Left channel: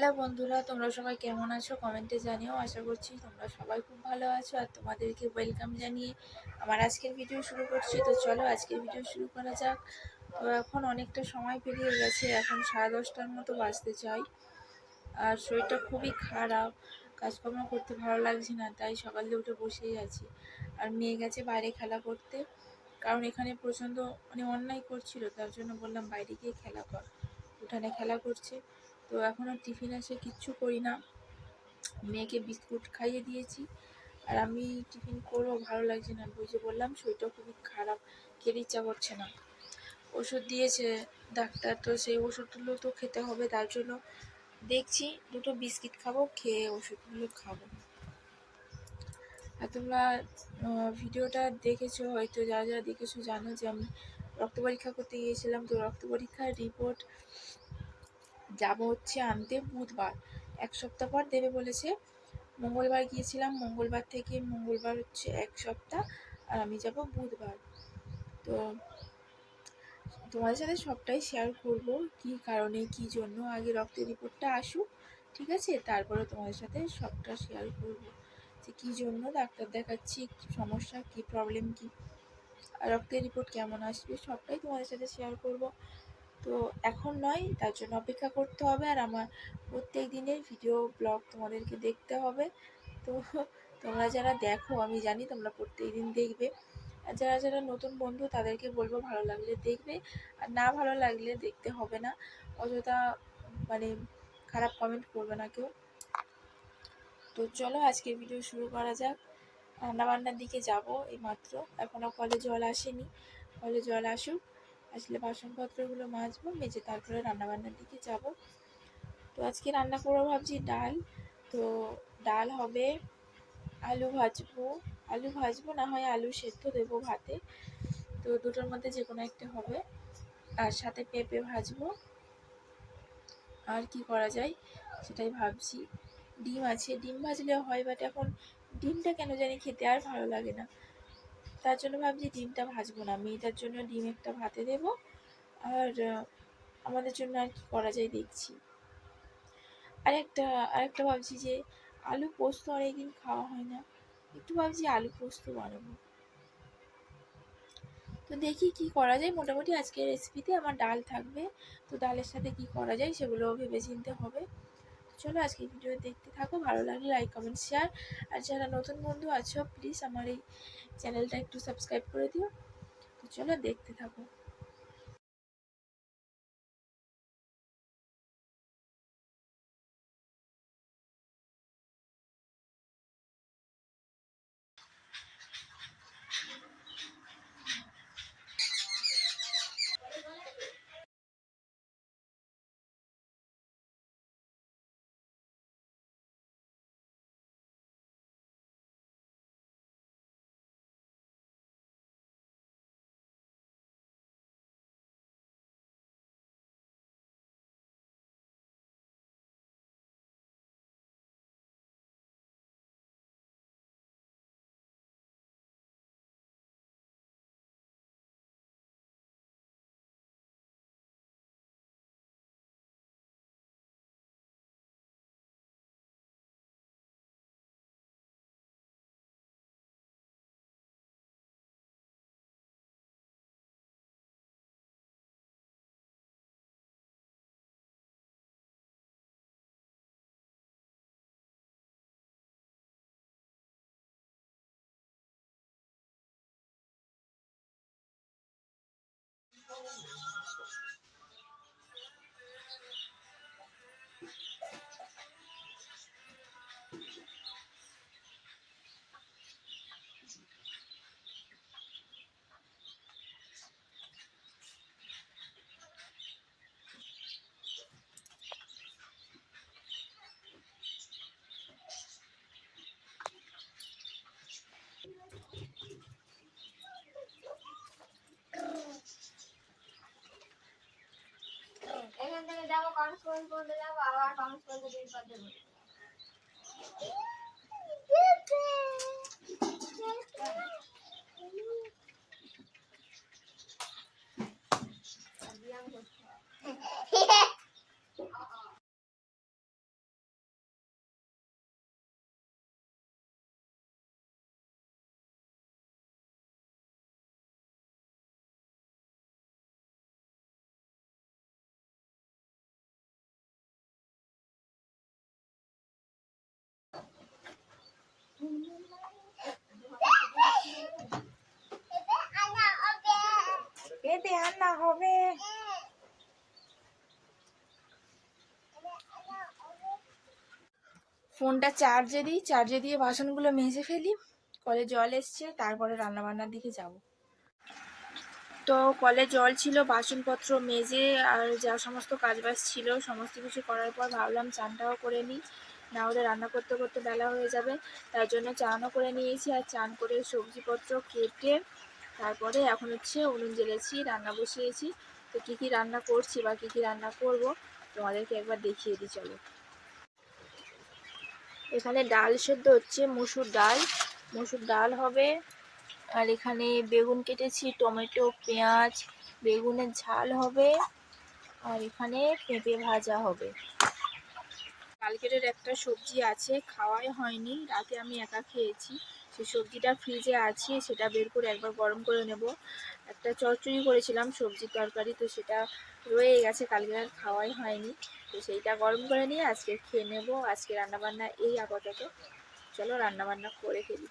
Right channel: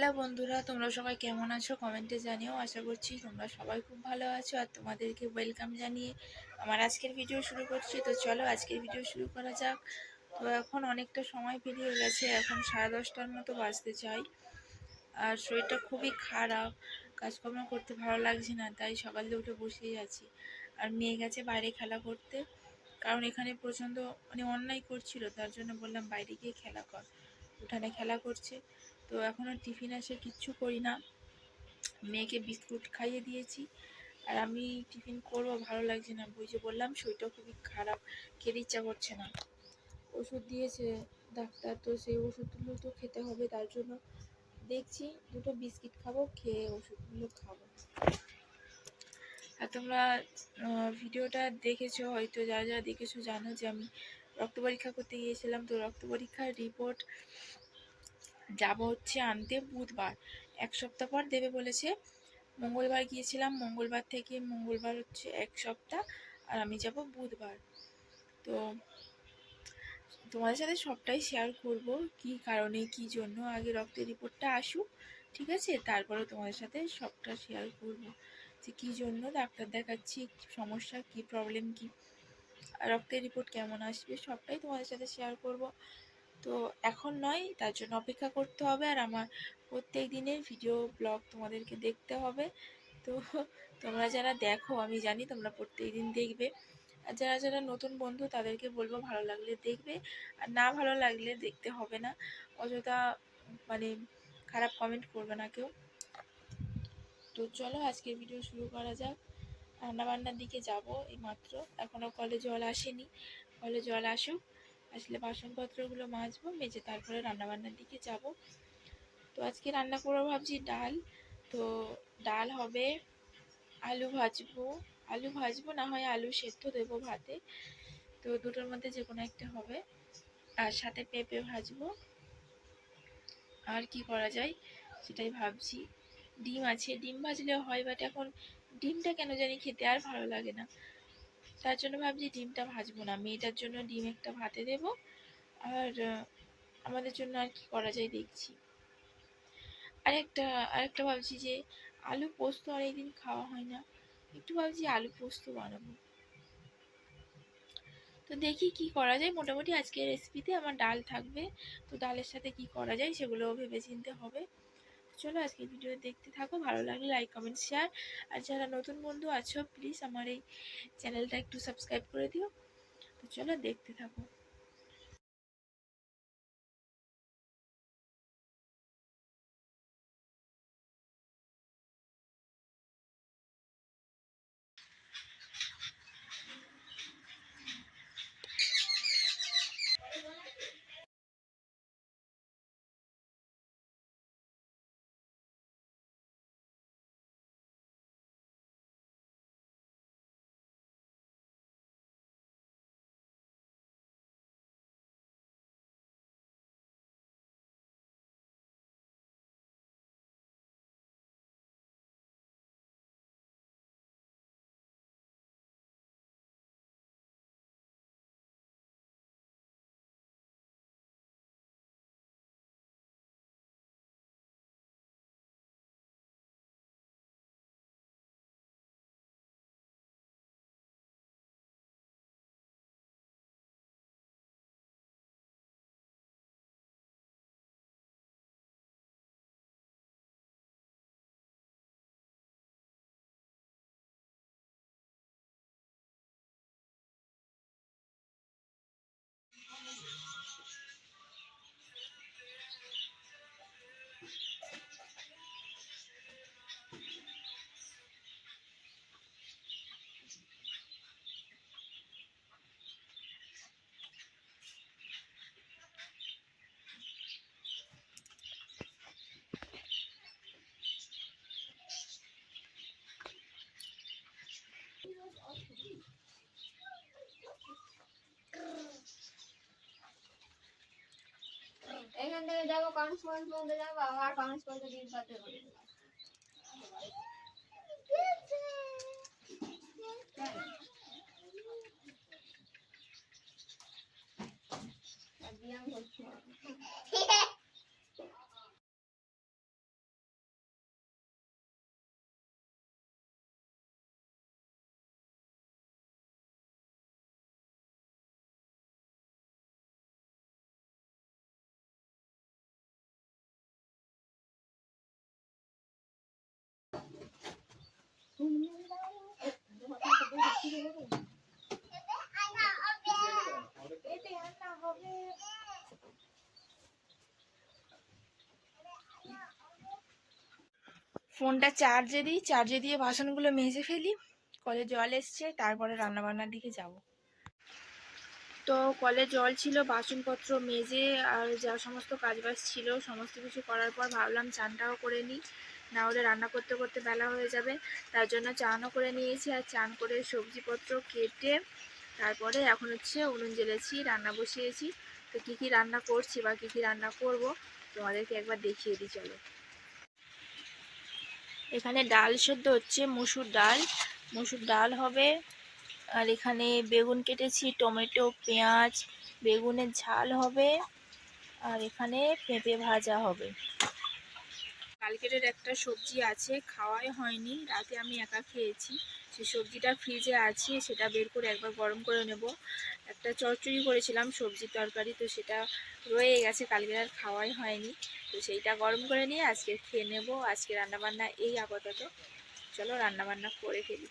Hello বন্ধুরা, তোমরা সবাই কেমন আছো কমেন্টে জানিও। আশা করছি তোমরা সবাই খুব ভালো আছো আর তোমাদেরকে ওয়েলকাম জানিয়ে আমার আজকের ভিডিও শুরু করছি। তো চলো আজকের ভিডিও শুরু করা যাক। তো এখন অনেকটা সময় পেরিয়ে গেছে, এখন 10:30টার মতো বাজতে চাই আর শরীরটা খুবই খারাপ, কাজকর্ম করতে ভালো লাগছে না, তাই সকাল দিয়ে উঠে বসেই আছি। আর মেয়ে গেছে বাইরে খেলা করতে, কারণ এখানে প্রচণ্ড অন্যায় করছিল, তার জন্য বললাম বাইরে গিয়ে খেলা কর। উঠানে খেলা করছে। তো এখন আর টিফিন আসে কিচ্ছু করি না, মেয়েকে বিস্কুট খাইয়ে দিয়েছি আর আমি টিফিন করবো, ভালো লাগছে না। ওই যে বললাম শরীরটা খুবই খারাপ, খেতে ইচ্ছা করছে না। ওষুধ দিয়েছে ডাক্তার, তো সেই ওষুধগুলো তো খেতে হবে, তার জন্য দেখছি দুটো বিস্কিট খাবো, খেয়ে ওষুধগুলো খাবো। আর তোমরা ভিডিওটা দেখেছো হয়তো, যা যা দেখেছো জানো যে আমি রক্ত পরীক্ষা করতে গিয়েছিলাম। তো রক্ত পরীক্ষার রিপোর্ট যাব হচ্ছে আনতে বুধবার, 1 সপ্তাহ পর দেবে বলেছে। মঙ্গলবার গিয়েছিলাম, মঙ্গলবার থেকে মঙ্গলবার হচ্ছে 1 সপ্তাহ, আর আমি যাব বুধবার। তো তোমাদের সাথে সবটাই শেয়ার করব, কি কারণে কি জন্য। আগে রক্তের রিপোর্টটা আসুক, ঠিক আছে, তারপরে তোমাদের সাথে সবটা শেয়ার করব যে কী জন্য ডাক্তার দেখাচ্ছি, কী সমস্যা, কী প্রবলেম, কী রক্তের রিপোর্ট কেমন আসবে, সবটাই তোমাদের সাথে শেয়ার করব। তো এখন নয়, তার জন্য অপেক্ষা করতে হবে, আর আমার প্রত্যেক দিনের ভিডিও ব্লগ তোমাদেরকে দেখতে হবে। তো তোমরা যারা দেখো, আমি জানি তোমরা প্রত্যেক দিন দেখবে, আর যারা যারা নতুন বন্ধু তাদেরকে বলবো ভালো লাগলে দেখবে, আর না ভালো লাগলে দেখতে হবে না। অযথা খারাপ কমেন্ট করবে না কেউ। তো চলো আজকের ভিডিও শুরু করা যাক। রান্নাবান্নার দিকে যাব এই মাত্র, এখনও কলে জল আসেনি, কলে জল আসুক, আসলে বাসনপত্রগুলো মাজবো, মেজে তারপরে রান্নাবান্নার দিকে যাব। তো আজকে রান্না করবো ভাবছি ডাল। তো ডাল হবে, আলু ভাজবো না হয় আলু সেদ্ধ দেবো ভাতে, তো দুটোর মধ্যে যে কোনো একটা হবে। আর সাথে পেঁপে ভাজবো, আর কি করা যায় সেটাই ভাবছি। ডিম আছে, ডিম ভাজলেও হয়, বাট এখন ডিমটা কেন জানি খেতে আর ভালো লাগে না, তার জন্য ভাবছি ডিমটা ভাজবো না। মেয়েটার জন্য ডিম একটা ভাতে দেব, আর আমাদের জন্য আর কি করা যায় দেখছি। আরেকটা ভাবছি যে আলু পোস্ত অনেকদিন খাওয়া হয় না, একটু ভাবছি আলু পোস্ত বানাবো। তো দেখি কি করা যায়। মোটামুটি আজকের রেসিপিতে আমার ডাল থাকবে, তো ডালের সাথে কি করা যায় সেগুলো ভেবে চিনতে হবে। চলো আজকে ভিডিও দেখতে থাকো, ভালো লাগলে লাইক কমেন্ট শেয়ার, আর যারা নতুন বন্ধু আছো প্লিজ আমার এই চ্যানেলটা একটু সাবস্ক্রাইব করে দিও। তো চলো দেখতে থাকো। এখান থেকে যাবো কনস পর্যন্ত যাবো, আবার কনস পর্যন্ত দিন পাতে ঘুরে ব্যায়াম করতে হবে। পেঁপে রান্না হবে। ফোনটা চার্জে দিই, চার্জে দিয়ে বাসনগুলো মেজে ফেলি, কলে জল এসছে, তারপরে রান্নাবান্নার দিকে যাব। তো কলে জল ছিল, বাসনপত্র মেজে আর যা সমস্ত কাজবাজ ছিল সমস্ত কিছু করার পর ভাবলাম চানটাও করে নিই, না হলে রান্না করতে করতে বেলা হয়ে যাবে। তার জন্য চানও করে নিয়েছি, আর চান করে সবজিপত্র কেটে তারপরে এখন হচ্ছে উনুন জ্বেলেছি, রান্না বসিয়েছি। তো কী কী রান্না করছি বা কী কী রান্না করব তোমাদেরকে একবার দেখিয়ে দিই চলো। এখানে ডাল সেদ্ধ হচ্ছে, মসুর ডাল হবে। আর এখানে বেগুন কেটেছি, টমেটো, পেঁয়াজ, বেগুনের ঝাল হবে। আর এখানে পেঁপে ভাজা হবে। কালকের একটা সবজি আছে, খাওয়াই হয়নি, রাতে আমি একা খেয়েছি। সেই সবজিটা ফ্রিজে আছে, সেটা বের করে একবার গরম করে নেব। একটা চচ্চড়ি করেছিলাম সবজির তরকারি, তো সেটা রয়ে গেছে, কালকে আর খাওয়াই হয়নি। তো সেইটা গরম করে নিয়ে আজকে খেয়ে নেব। আজকে রান্নাবান্না এই আপাতত। চলো রান্নাবান্না করে ফেলি।